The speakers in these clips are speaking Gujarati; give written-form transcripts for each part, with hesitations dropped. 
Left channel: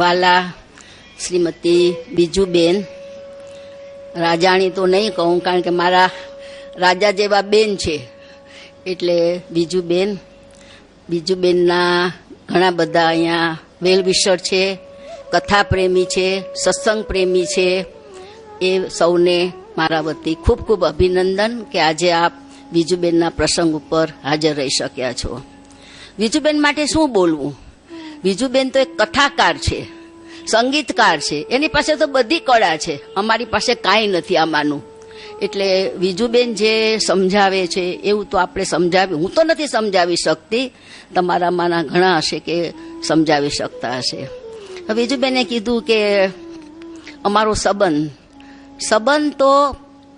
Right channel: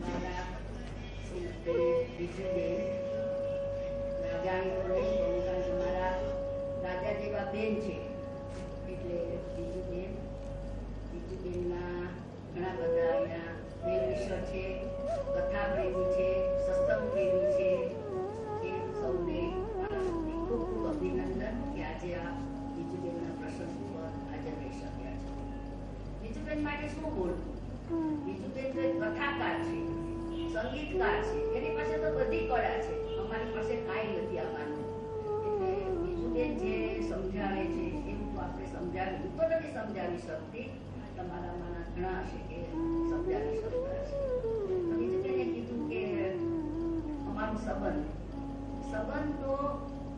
વાલા શ્રીમતી બીજુબેન, રાજાણી તો નહીં કહું કારણ કે મારા રાજા જેવા બેન છે, એટલે બીજુબેનના ઘણા બધા અહીંયા વેલવિશર છે, કથા પ્રેમી છે, સત્સંગ પ્રેમી છે. એ સૌને મારા વતી ખૂબ ખૂબ અભિનંદન કે આજે આપ બીજુબેનના પ્રસંગ ઉપર હાજર રહી શક્યા છો. બીજુબેન માટે શું બોલવું? બીજુબેન તો એક કથાકાર છે, સંગીતકાર છે, એની પાસે તો બધી કળા છે. અમારી પાસે કાંઈ નથી આમાંનું. એટલે બીજુબેન જે સમજાવે છે એવું તો આપણે સમજાવી, હું તો નથી સમજાવી શકતી, તમારામાંના ઘણા હશે કે સમજાવી શકતા હશે. બીજુબેને કીધું કે અમારો સંબંધ તો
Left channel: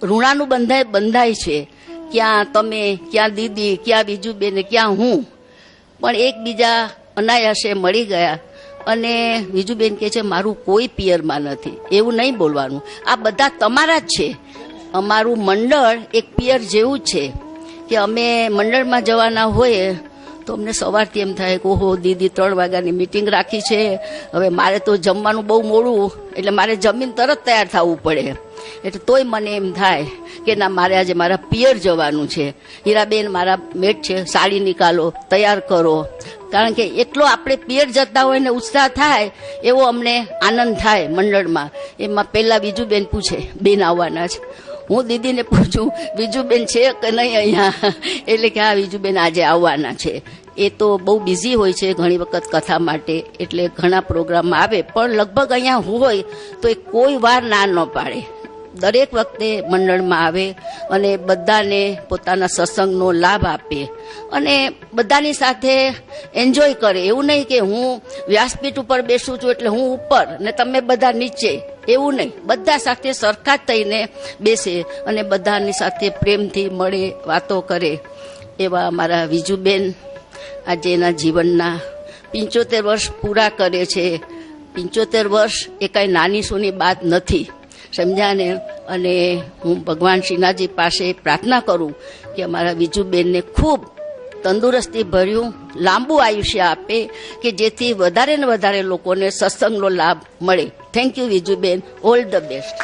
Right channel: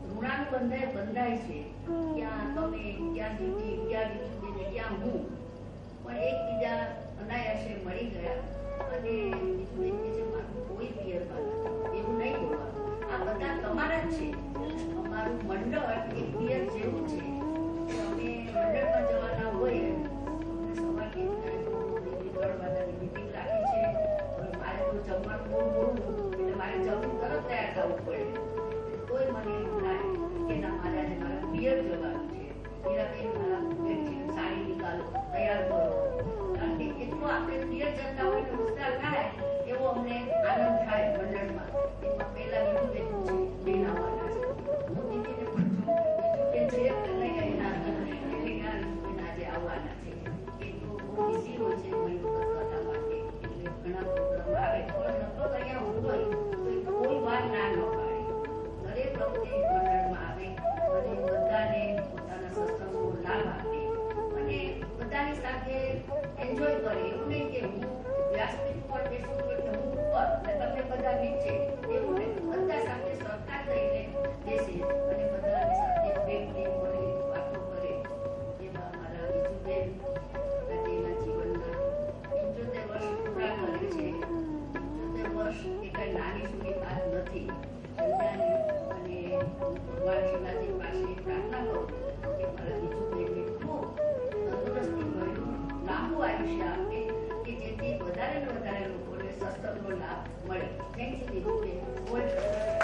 ઋણાનું બંધાય છે. ક્યાં તમે, ક્યાં દીદી, ક્યાં બીજુબેન, ક્યાં હું, પણ એકબીજા અનાયાસે મળી ગયા. અને બીજુબેન કહે છે મારું કોઈ પિયરમાં નથી. એવું નહીં બોલવાનું, આ બધા તમારા જ છે. અમારું મંડળ એક પિયર જેવું જ છે કે અમે મંડળમાં જવાના હોઈએ તો અમને સવારથી એમ થાય કે ઓહો દીદી 3 વાગ્યાની મિટિંગ રાખી છે, હવે મારે તો જમવાનું બહુ મોડું, એટલે મારે જમીન તરત તૈયાર થવું પડે. એટલે તોય મને એમ થાય કે ના, મારે આજે મારા પિયર જવાનું છે. હીરાબેન મારા મેટ છે, સાડી નિકાલો, તૈયાર કરો. કારણ કે એટલો આપણે પિયર જતા હોય ને ઉત્સાહ થાય એવો અમને આનંદ થાય મંડળમાં. એમાં પહેલાં બીજુબેન પૂછે બેન આવવાના છે. હું દીદીને પૂછું બીજુબેન છે કે નહીં અહીંયા, એટલે કે હા બીજુબેન આજે આવવાના છે. એ તો બહુ બિઝી હોય છે ઘણી વખત કથા માટે, એટલે ઘણા પ્રોગ્રામમાં આવે, પણ લગભગ અહીંયા હોય તો એ કોઈ વાર ના ન પાડે. દરેક વખતે મંડળમાં આવે અને બધાને પોતાના સત્સંગનો લાભ આપે અને બધાની સાથે એન્જોય કરે. એવું નહીં કે હું વ્યાસપીઠ ઉપર બેસું છું એટલે હું ઉપર ને તમે બધા નીચે, એવું નહીં. બધા સાથે સરખા જ થઈને બેસે અને બધાની સાથે પ્રેમથી મળે, વાતો કરે. એવા અમારા બીજુબેન આજે એના જીવનના 75 વર્ષ પૂરા કરે છે. 75 વર્ષ એ કાંઈ નાની સૂની વાત નથી, સમજ્યા ને. અને હું ભગવાન શ્રીનાથજી પાસે પ્રાર્થના કરું કે અમારા બીજુબેનને ખૂબ તંદુરસ્તી ભર્યું લાંબુ આયુષ્ય આપે કે જેથી વધારે ને વધારે લોકોને સત્સંગનો લાભ મળે. Thank you Bijuben, all the best.